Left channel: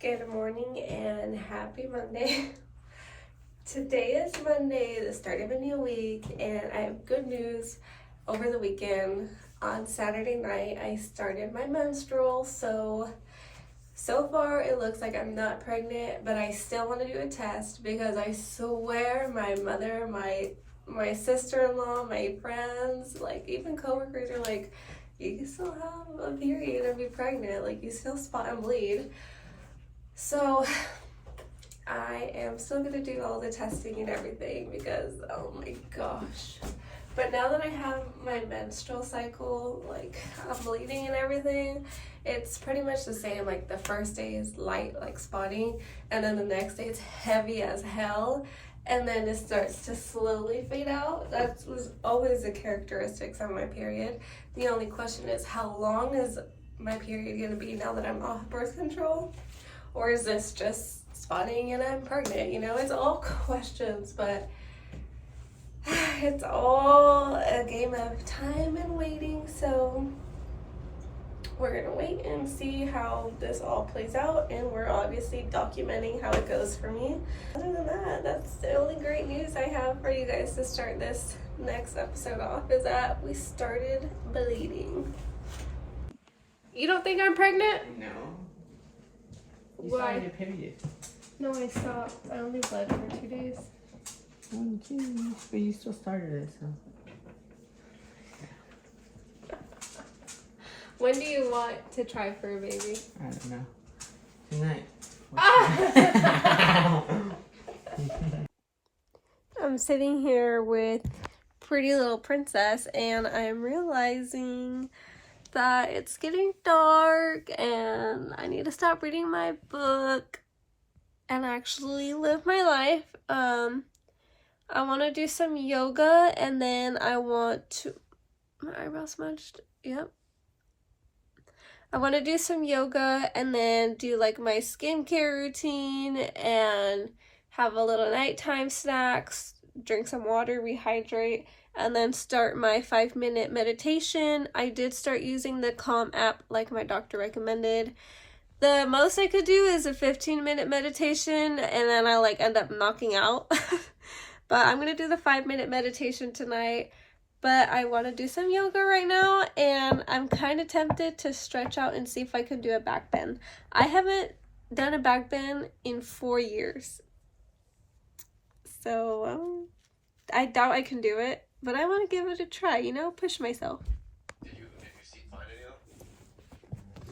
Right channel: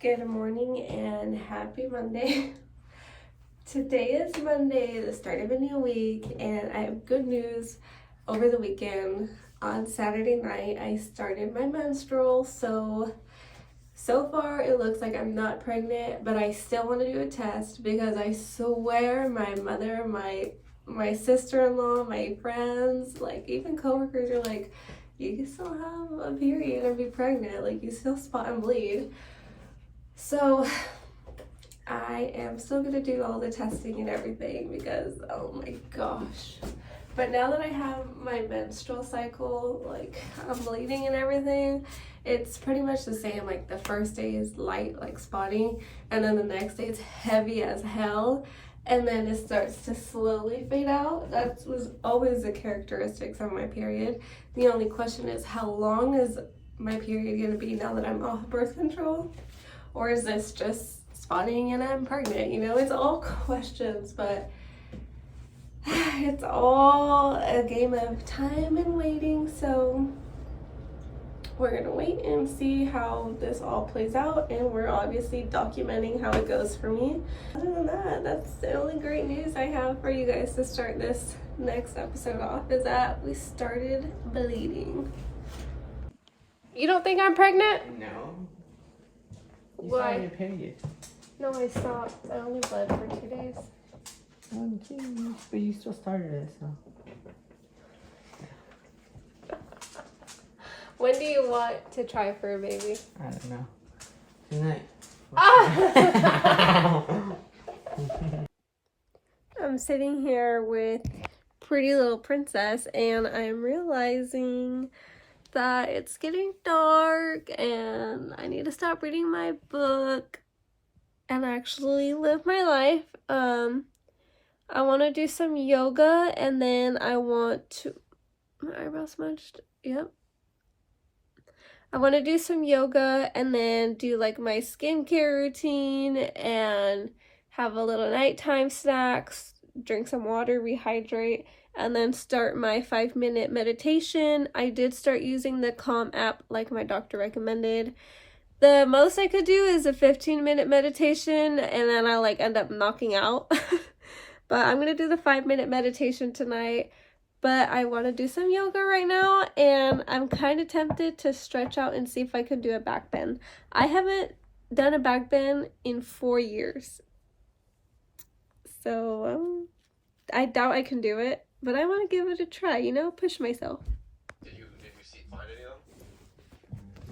Good morning and happy Monday. Today is Monday, the start of a new week, and I have good news. Over the weekend, on Saturday night, I started my menstrual, so far it looks like I'm not pregnant, but I still want to do a test because I swear my mother, my sister-in-law, my friends, like even coworkers are like, you can still have a period and be pregnant, like you still spot and bleed. So I am still gonna do all the testing and everything because oh my gosh. But now that I have my menstrual cycle, like I'm bleeding and everything, it's pretty much the same. Like the first day is light, like spotting, and then the next day it's heavy as hell, and then it starts to slowly fade out. That was always the characteristics of my period. The only question is, how long is my period gonna be now that I'm off birth control? Or is this just spotting and I'm pregnant? You know, it's all questions, but it's all a game of time and waiting. So we're gonna wait and see how this all plays out, and we're obviously documenting how it goes for me. Other than that, that's the only great news I have for you guys to start this next episode off, is that we started bleeding. You don't think I'm pregnant? No. Why? You period. No, I stopped. I only bled for 2 days. Oh, geez. But you still started it, so. When do you want to try for a baby? I don't know. Tonight. I'm sitting here with Pretty Little Princess, and I'm realizing that it's getting dark and I need to stop reading my book and actually live my life. I want to do some yoga, and then I want to, my eyebrows smudged, yep. I want to do some yoga and then do like my skincare routine and have a little nighttime snacks, drink some water, rehydrate, and then start my 5-minute meditation. I did start using the Calm app like my doctor recommended. The most I could do is a 15-minute meditation, and then I like end up knocking out. But I'm gonna do the 5-minute meditation tonight. But I want to do some yoga right now, and I'm kind of tempted to stretch out and see if I can do a back bend. I haven't done a back bend in 4 years. So I doubt I can do it, but I want to give it a try, you know, push myself. Did you see find any of them?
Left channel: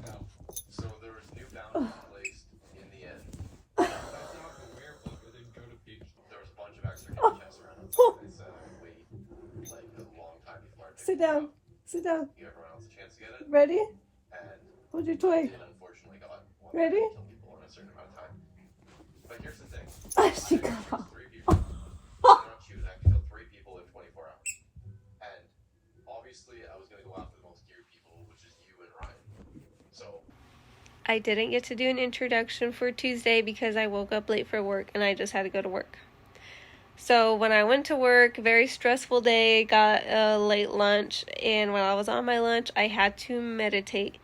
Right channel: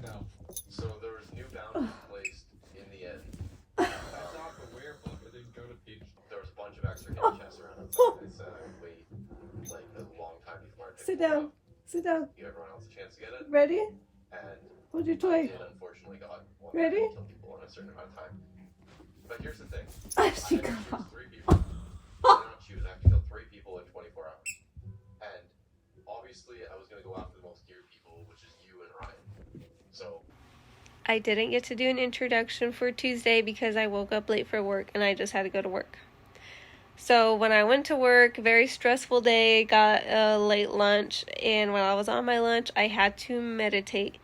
No. So there was new boundaries placed in the end. It's not the weird book, but didn't go to beach. There was a bunch of extra tests around it. They said I would wait like a long time before I could. Sit down. Sit down. Give everyone else a chance to get it. Ready? And Hold your toy. it unfortunately got one. Ready? Kill people in a certain amount of time. But here's the thing. She got off. 3 people. I don't choose. I have to kill 3 people in 24 hours. And obviously, I was going to go after the most geared people, which is you and Ryan. So I didn't get to do an introduction for Tuesday because I woke up late for work and I just had to go to work. So when I went to work, very stressful day, got a late lunch, and while I was on my lunch, I had to meditate.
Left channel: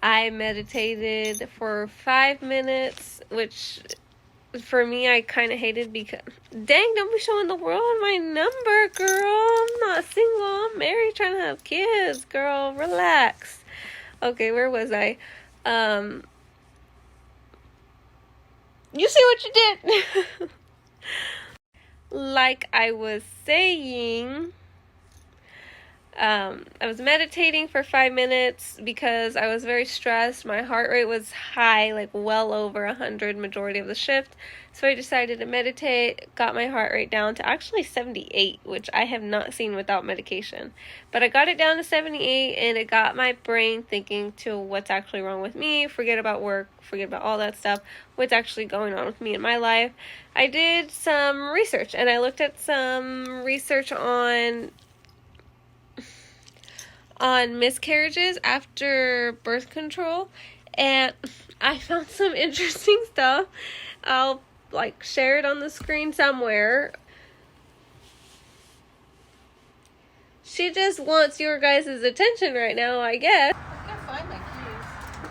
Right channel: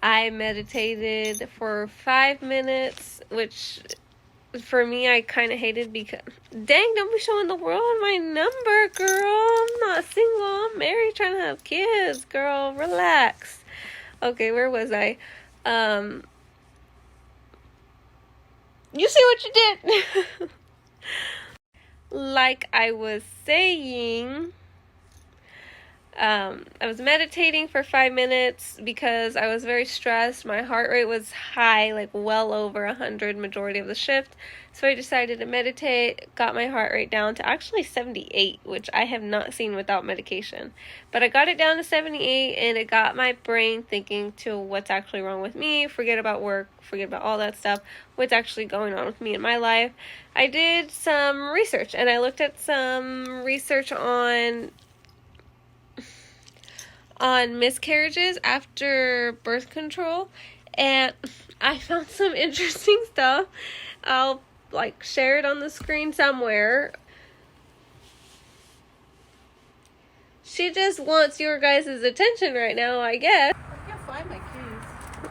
I meditated for 5 minutes, which for me, I kind of hated because, dang, don't be showing the world my number, girl. I'm not single. I'm married, trying to have kids, girl. Relax. Okay, where was I? You see what you did? Like I was saying, I was meditating for 5 minutes because I was very stressed. My heart rate was high, like well over 100 majority of the shift. So I decided to meditate, got my heart rate down to actually 78, which I have not seen without medication. But I got it down to 78, and it got my brain thinking to what's actually wrong with me. Forget about work, forget about all that stuff. What's actually going on with me in my life. I did some research, and I looked at some research on miscarriages after birth control, and I found some interesting stuff. I'll like share it on the screen somewhere. She just wants your guys' attention right now, I guess. I can't find my keys.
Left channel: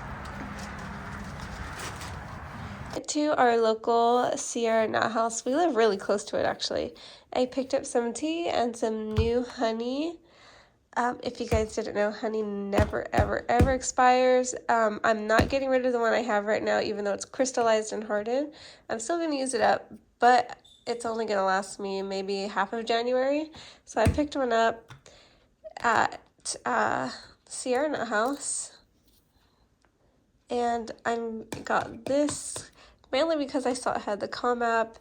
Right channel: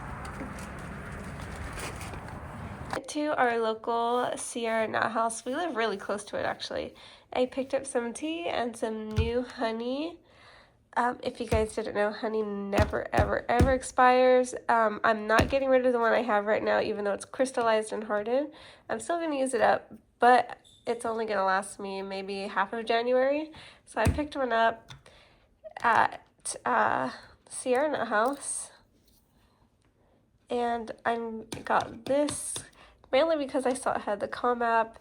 to our local Sierra Nut House. We live really close to it, actually. I picked up some tea and some new honey. If you guys didn't know, honey never, ever, ever expires. I'm not getting rid of the one I have right now, even though it's crystallized and hardened. I'm still going to use it up, but it's only going to last me maybe half of January. So I picked one up at Sierra Nut House. And I got this mainly because I saw it had the calm app.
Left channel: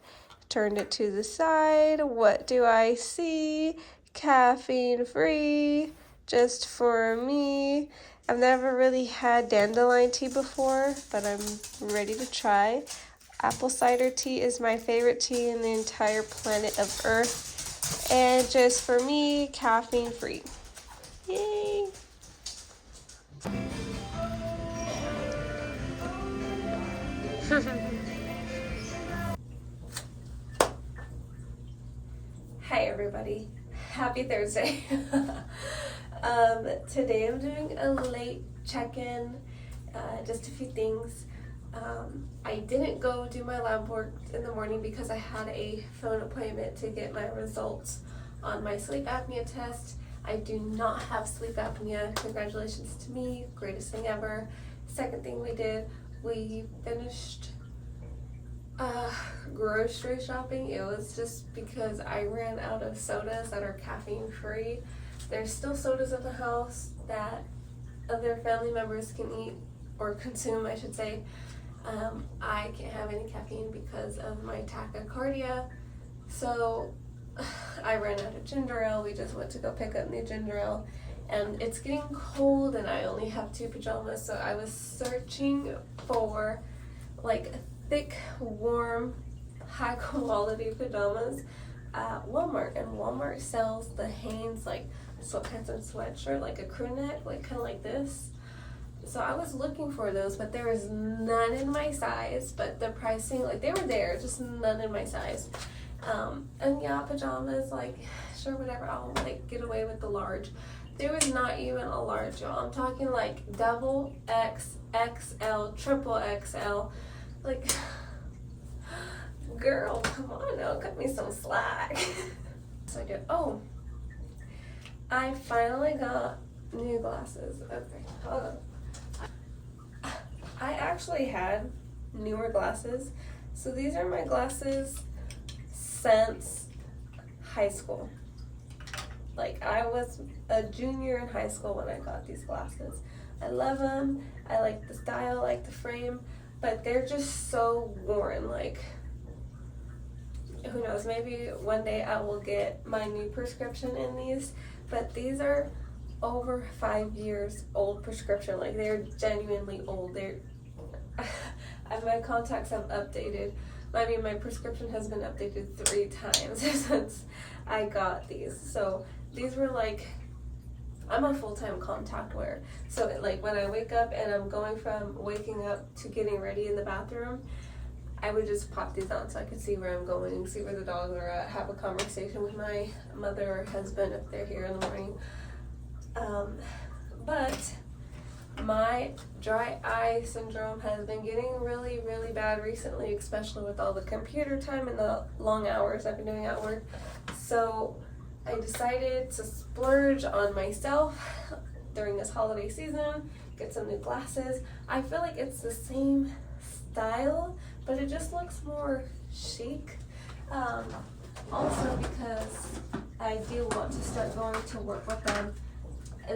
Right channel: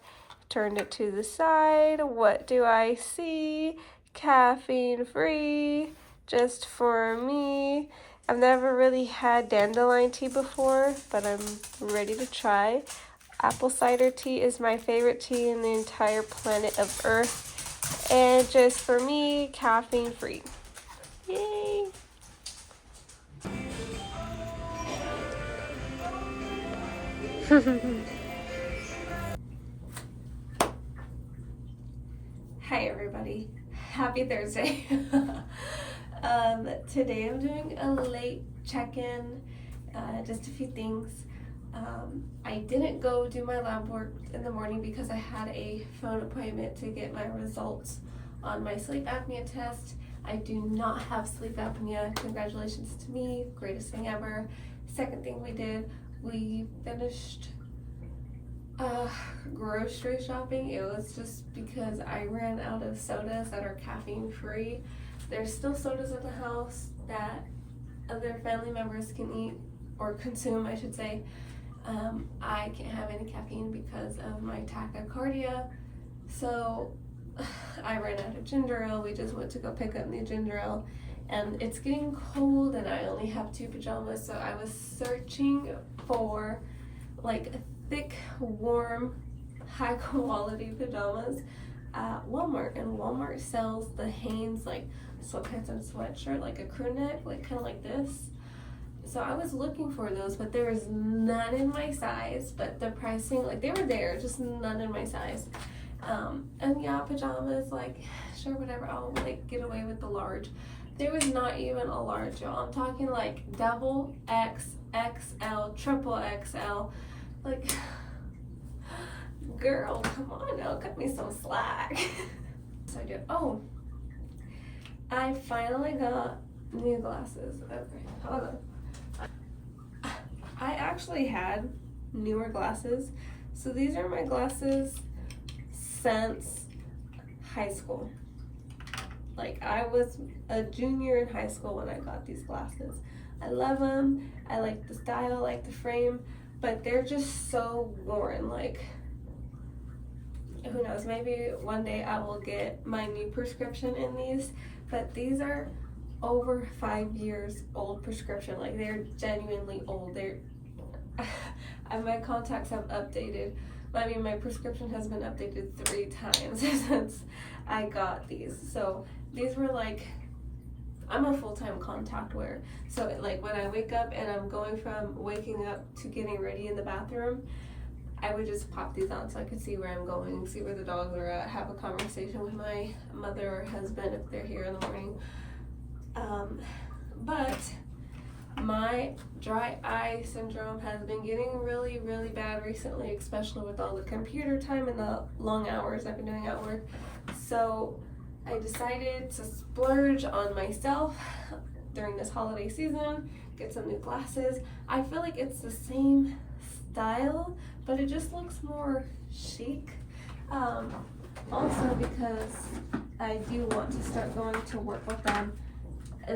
Turned it to the side. What do I see? Caffeine free, just for me. I've never really had dandelion tea before, but I'm ready to try. Apple cider tea is my favorite tea in the entire planet of Earth. And just for me, caffeine free. Yay! Hi everybody, happy Thursday. Today I'm doing a late check-in, just a few things. I didn't go do my lab work in the morning because I had a phone appointment to get my results on my sleep apnea test. I do not have sleep apnea. Congratulations to me, greatest thing ever. Second thing we did, we finished grocery shopping. It was just because I ran out of sodas that are caffeine free. There's still sodas in the house that other family members can eat or consume, I should say. I can't have any caffeine because of my tachycardia, so I ran out of ginger ale. We just went to go pick up new ginger ale, and it's getting cold and I only have 2 pajamas, so I was searching for like thick, warm, high quality pajamas at Walmart, and Walmart sells the Hanes like sweatpants and sweatshirt, like a crew neck, like kind of like this. So I was looking for those, but there was none in my size. But the pricing, like they were there, just none in my size. And yeah, pajamas, like sure, whatever, I'll like get away with the large. There was not even a large, y'all. I'm talking like double X, XL, triple XL. Like, girl, come on now, cut me some slack. So I did. Oh, I finally got new glasses. Okay, hold on. I actually had newer glasses. So these are my glasses since high school. Like, I was a junior in high school when I got these glasses. I love them. I like the style, I like the frame. But they're just so worn, like, who knows, maybe one day I will get my new prescription in these, but these are over 5 years old prescription, like they're genuinely old. My contacts have updated. I mean, my prescription has been updated 3 times since I got these. So these were like, I'm a full-time contact wearer. So like when I wake up and I'm going from waking up to getting ready in the bathroom, I would just pop these on so I could see where I'm going, see where the dogs are at, have a conversation with my mother or husband if they're here in the morning. But my dry eye syndrome has been getting really, really bad recently, especially with all the computer time and the long hours I've been doing at work. So I decided to splurge on myself during this holiday season, get some new glasses. I feel like it's the same style, but it just looks more chic. Also because I do want to start going to work with them.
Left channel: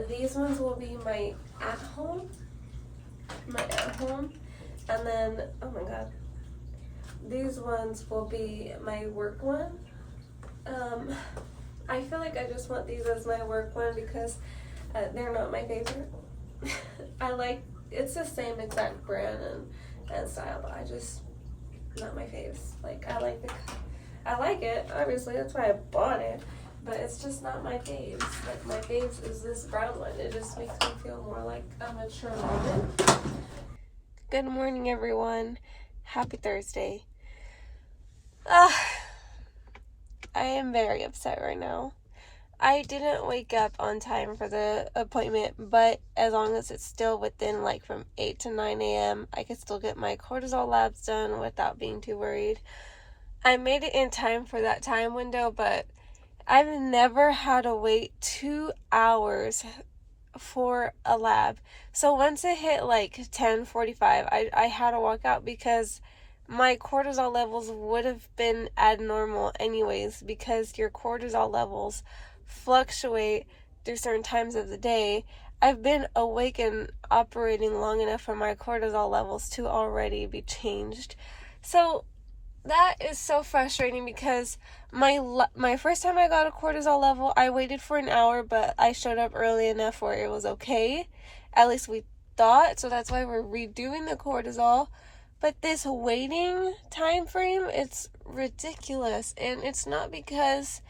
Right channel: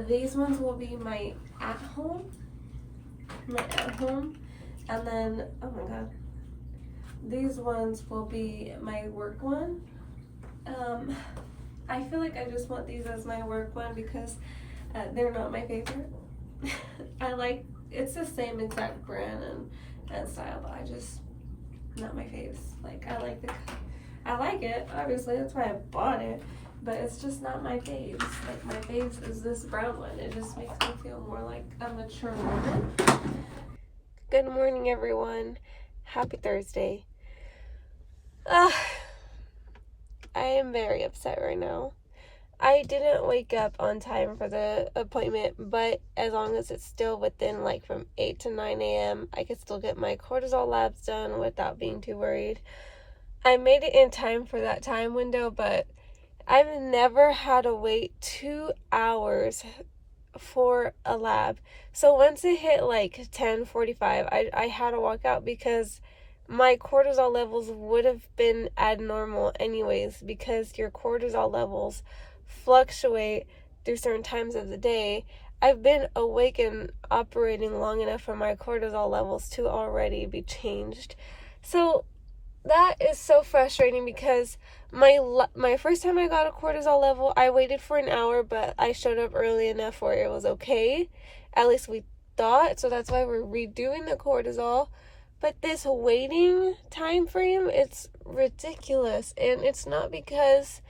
These ones will be my at-home, and then, oh my god, these ones will be my work one. I feel like I just want these as my work one because they're not my favorite. It's the same exact brand and style, but I just, not my faves. Like, I like it, obviously, that's why I bought it, but it's just not my faves. Like, my faves is this brown one. It just makes me feel more like a mature woman. Good morning, everyone. Happy Thursday. I am very upset right now. I didn't wake up on time for the appointment, but as long as it's still within like from 8 to 9 a.m., I could still get my cortisol labs done without being too worried. I made it in time for that time window, but I've never had to wait 2 hours for a lab. So once it hit like 10:45, I had to walk out because my cortisol levels would have been abnormal anyways, because your cortisol levels fluctuate through certain times of the day. I've been awake and operating long enough for my cortisol levels to already be changed. So that is so frustrating because my first time I got a cortisol level, I waited for an hour, but I showed up early enough where it was okay. At least we thought. So that's why we're redoing the cortisol. But this waiting time frame, it's ridiculous. And it's not because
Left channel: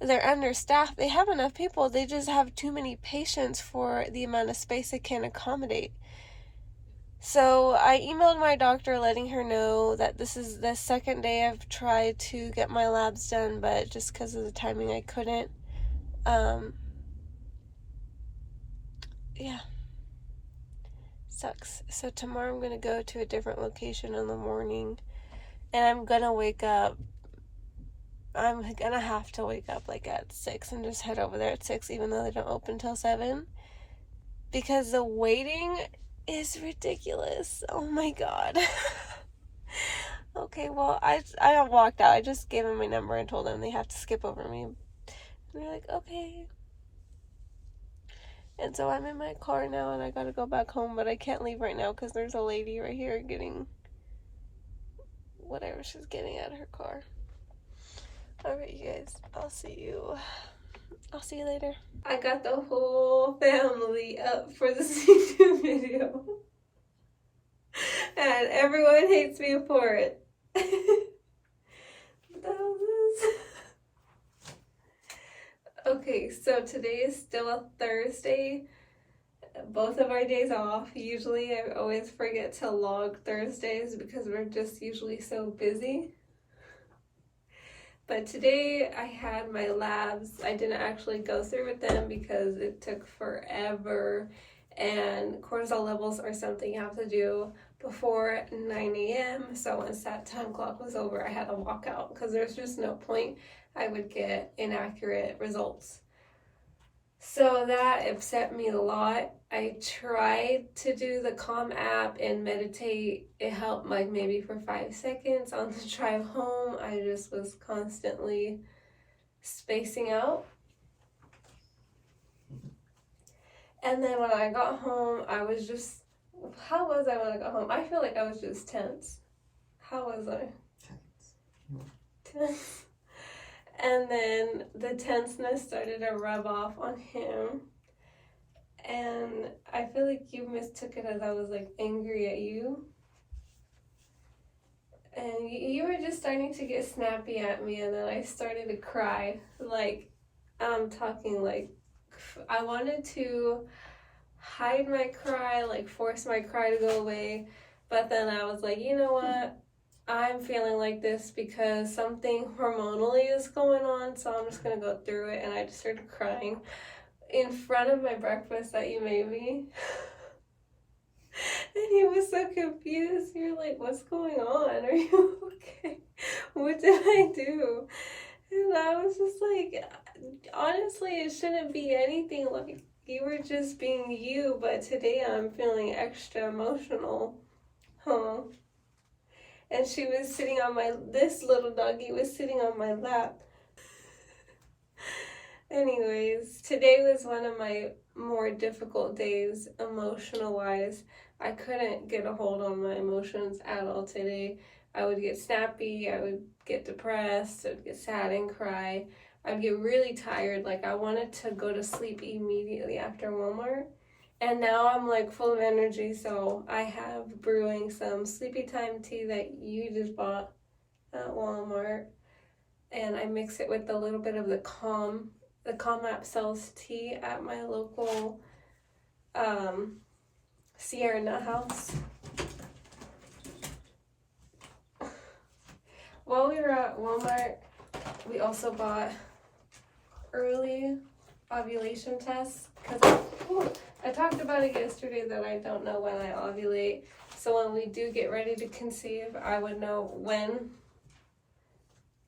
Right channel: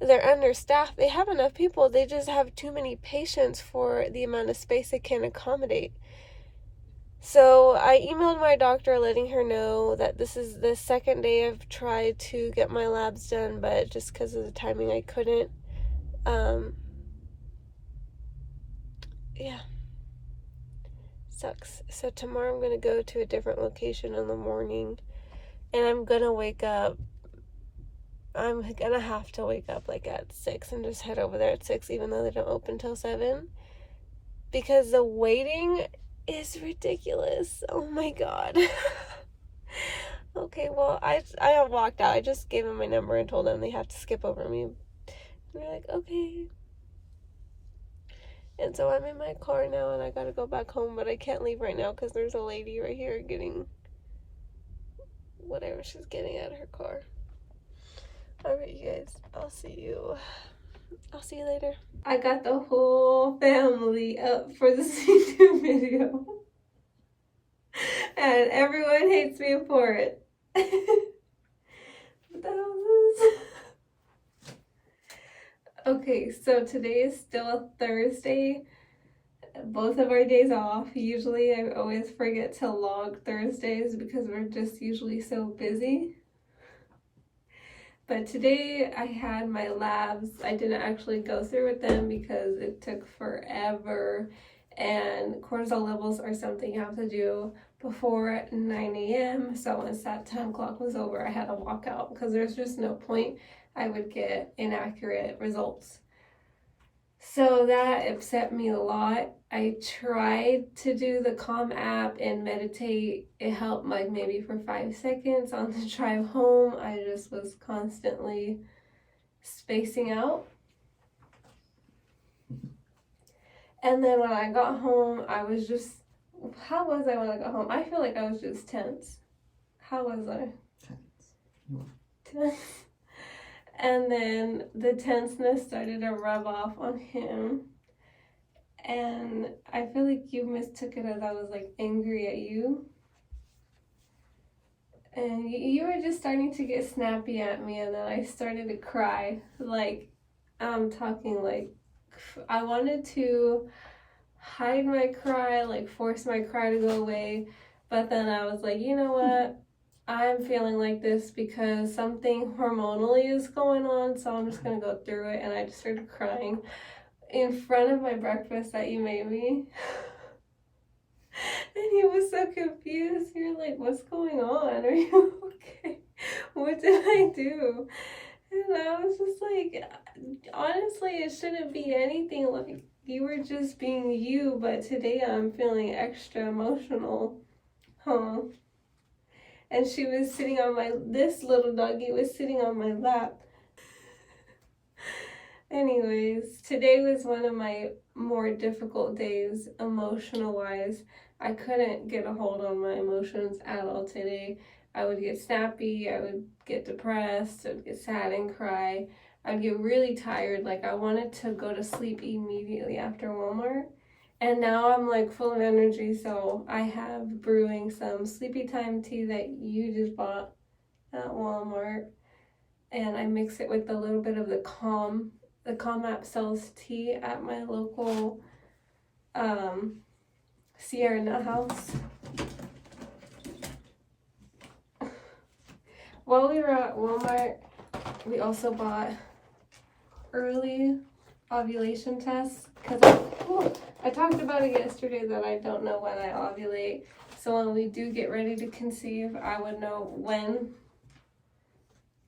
they're understaffed. They have enough people. They just have too many patients for the amount of space they can accommodate. So I emailed my doctor letting her know that this is the second day I've tried to get my labs done, but just because of the timing I couldn't. Yeah. Sucks. So tomorrow I'm going to go to a different location in the morning, and I'm going to wake up. I'm going to have to wake up like at 6 and just head over there at 6, even though they don't open till 7. Because the waiting is ridiculous. Oh my god. Okay, well, I walked out. I just gave them my number and told them they have to skip over me. And they're like, okay. And so I'm in my car now and I gotta go back home, but I can't leave right now because there's a lady right here getting whatever she's getting out of her car. Alright, you guys, I'll see you later. I got the whole family up for this YouTube video. And everyone hates me for it. What the hell is this? Okay, so today is still a Thursday. Both of our days off. Usually I always forget to log Thursdays because we're just usually so busy. But today I had my labs. I didn't actually go through with them because it took forever. And cortisol levels are something you have to do before 9 a.m. So once that time clock was over, I had to walk out because there's just no point. I would get inaccurate results. So that upset me a lot. I tried to do the Calm app and meditate. It helped like maybe for 5 seconds on the drive home. I just was constantly spacing out. And then when I got home, I was just, how was I when I got home? I feel like I was just tense. How was I? Tense. And then the tenseness started to rub off on him. And I feel like you mistook it as I was like angry at you. And you were just starting to get snappy at me, and then I started to cry. Like, I'm talking like, I wanted to hide my cry, like force my cry to go away. But then I was like, you know what? I'm feeling like this because something hormonally is going on, so I'm just gonna go through it. And I just started crying in front of my breakfast that you made me. And he was so confused. You're like, what's going on? Are you okay? What did I do? And I was just like, honestly, it shouldn't be anything. Like, you were just being you, but today I'm feeling extra emotional. Huh? And she was sitting on this little doggy was sitting on my lap. Anyways, today was one of my more difficult days, emotional-wise. I couldn't get a hold on my emotions at all today. I would get snappy, I would get depressed, I would get sad and cry. I'd get really tired, like I wanted to go to sleep immediately after Walmart. And now I'm like full of energy, so I have brewing some sleepy time tea that you just bought at Walmart. And I mix it with a little bit of the Calm. The Calm app sells tea at my local Sierra Nut House. While we were at Walmart, we also bought early ovulation test because I talked about it yesterday that I don't know when I ovulate. So when we do get ready to conceive, I would know when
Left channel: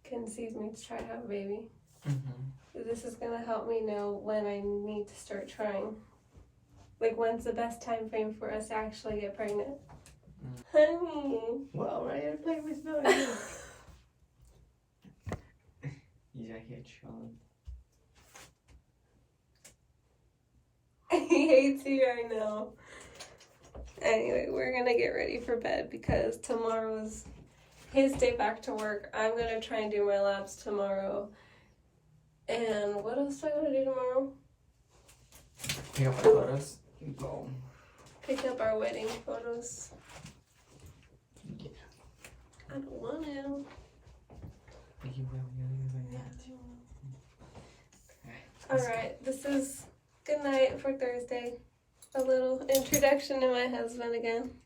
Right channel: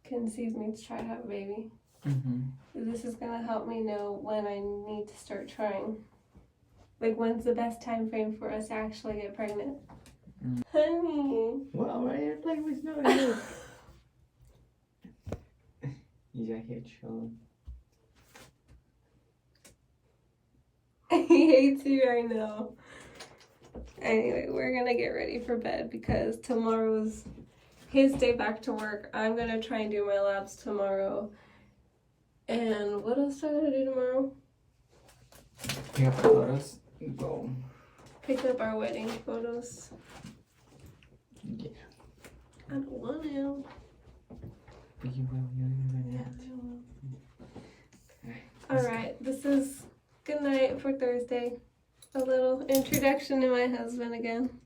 conceive means try to have a baby. This is gonna help me know when I need to start trying. Like when's the best time frame for us to actually get pregnant. Honey. Well, right here playing with Snowy. He's out here chilling. He hates you, I know. Anyway, we're gonna get ready for bed because tomorrow's his day back to work. I'm gonna try and do my labs tomorrow. And what else do I gotta do tomorrow? Pick up photos. Go. Pick up our wedding photos. Yeah. I don't want to. You will. Yeah, I will. Alright, this is good night for Thursday. A little introduction to my husband again.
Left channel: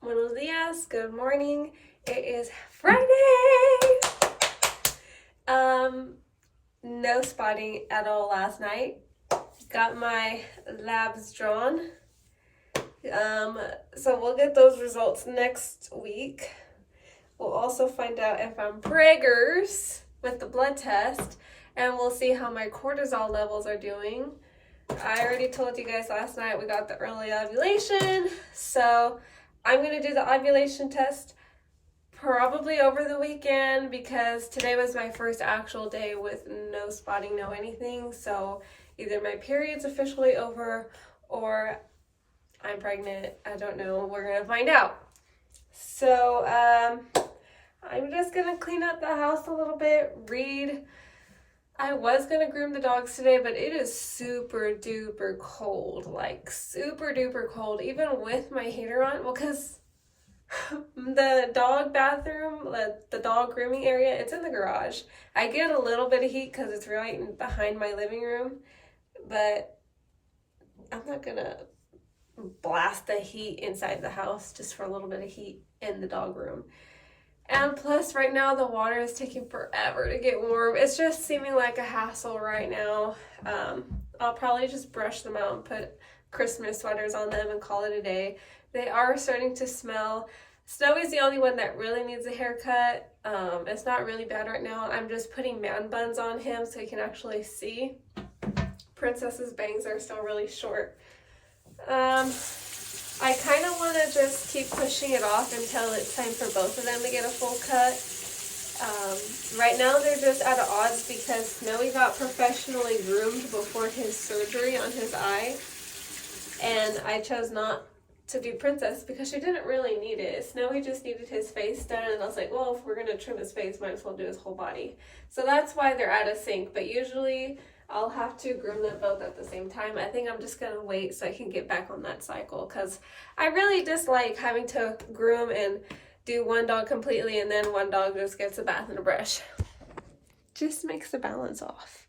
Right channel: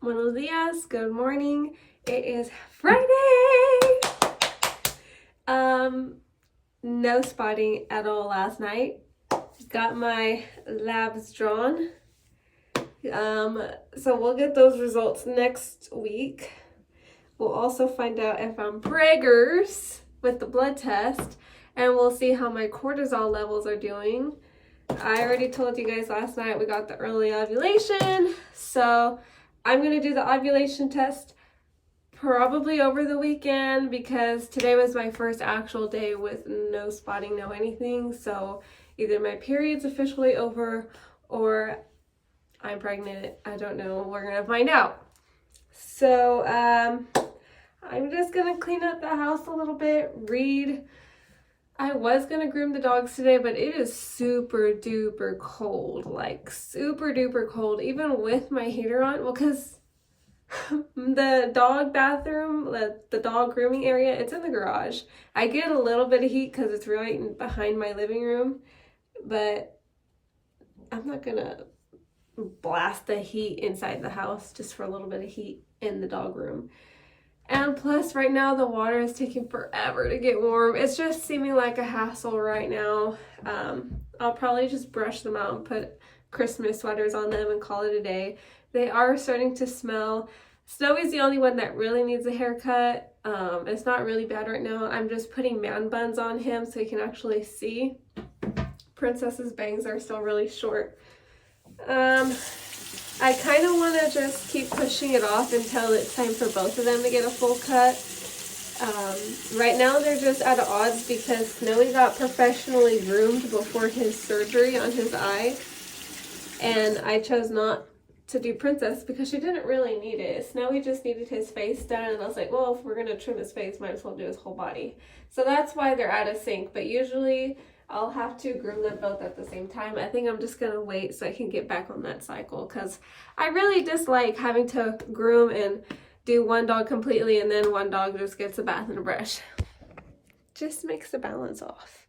Buenos dias, good morning. It is Friday. No spotting at all last night. Got my labs drawn. So we'll get those results next week. We'll also find out if I'm preggers with the blood test, and we'll see how my cortisol levels are doing. I already told you guys last night we got the early ovulation, so I'm gonna do the ovulation test probably over the weekend because today was my first actual day with no spotting, no anything. So either my period's officially over or I'm pregnant. I don't know. We're gonna find out. So I'm just gonna clean up the house a little bit, read. I was gonna groom the dogs today, but it is super duper cold, like super duper cold, even with my heater on. Well, because the dog bathroom, the dog grooming area, it's in the garage. I get a little bit of heat because it's right behind my living room, but I'm not gonna blast the heat inside the house just for a little bit of heat in the dog room. And plus right now the water is taking forever to get warm. It's just seeming like a hassle right now. I'll probably just brush them out and put Christmas sweaters on them and call it a day. They are starting to smell. Snowy's the only one that really needs a haircut. It's not really bad right now. I'm just putting man buns on him so he can actually see. Princess's bangs are still really short. I kind of want to just keep pushing it off until it's time for both of them to get a full cut. Right now they're just at odds because Snowy got professionally groomed before his surgery on his eye. And I chose not to do Princess because she didn't really need it. Snowy just needed his face done, and I was like, well, if we're gonna trim his face, might as well do his whole body. So that's why they're out of sync, but usually I'll have to groom them both at the same time. I think I'm just gonna wait so I can get back on that cycle because I really dislike having to groom and do one dog completely and then one dog just gets a bath and a brush. Just makes the balance off.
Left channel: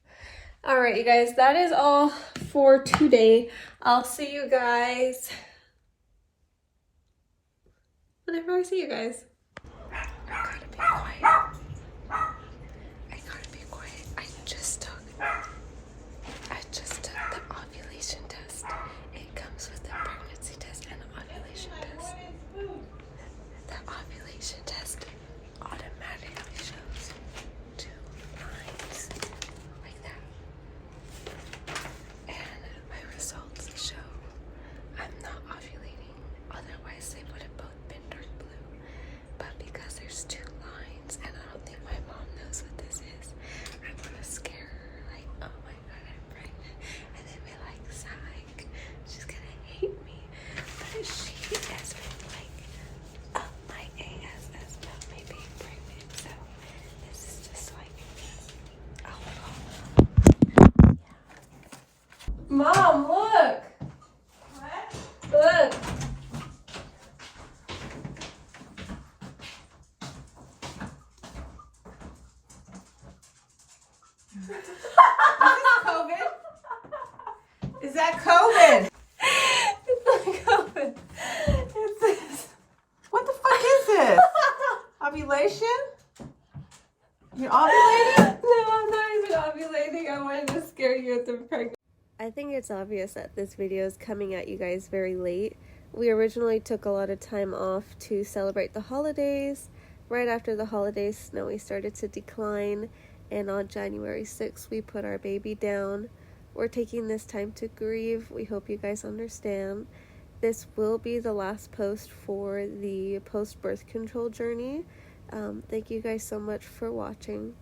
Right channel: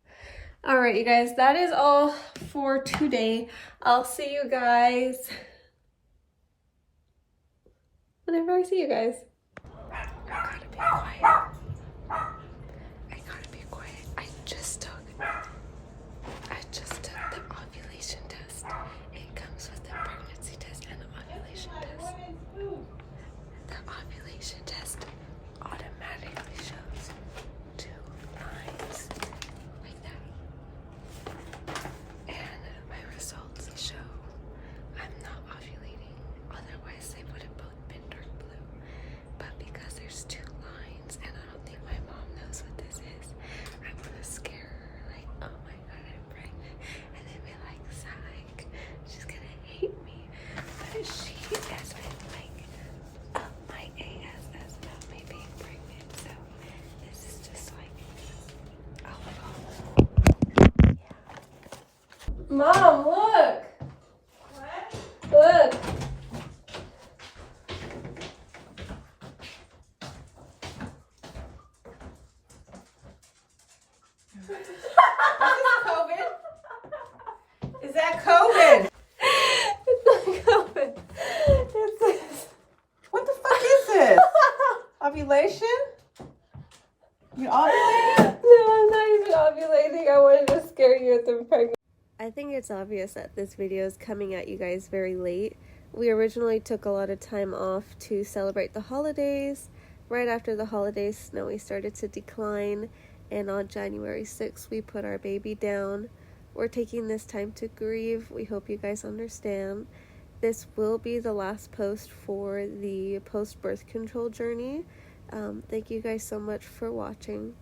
All right, you guys, that is all for today. I'll see you guys whenever I see you guys. I gotta be quiet. I gotta be quiet. I just took the ovulation test. It comes with the pregnancy test and the ovulation test. The ovulation test automatically shows 2 lines like that. And my results show I'm not ovulating. Otherwise, they would have both been dark blue. But because there's 2 lines, and I don't think my mom knows what this is, I want to scare her, like, oh my god, I'm pregnant. And then be like, psych, she's gonna hate me. But she has been like up my ass about me being pregnant. So this is just like a little. Yeah. Mom, look! What? Look! Is that COVID? It's not COVID. It's this. What the fuck is this? Ovulation? You're ovulating? No, I'm not even ovulating. I wanted to scare you with the pregnant. I think it's obvious that this video is coming at you guys very late. We originally took a lot of time off to celebrate the holidays. Right after the holidays, SNOWEE started to decline, and on January 6th, we put our baby down. We're taking this time to grieve. We hope you guys understand. This will be the last post for the post-birth control journey. Thank you guys so much for watching.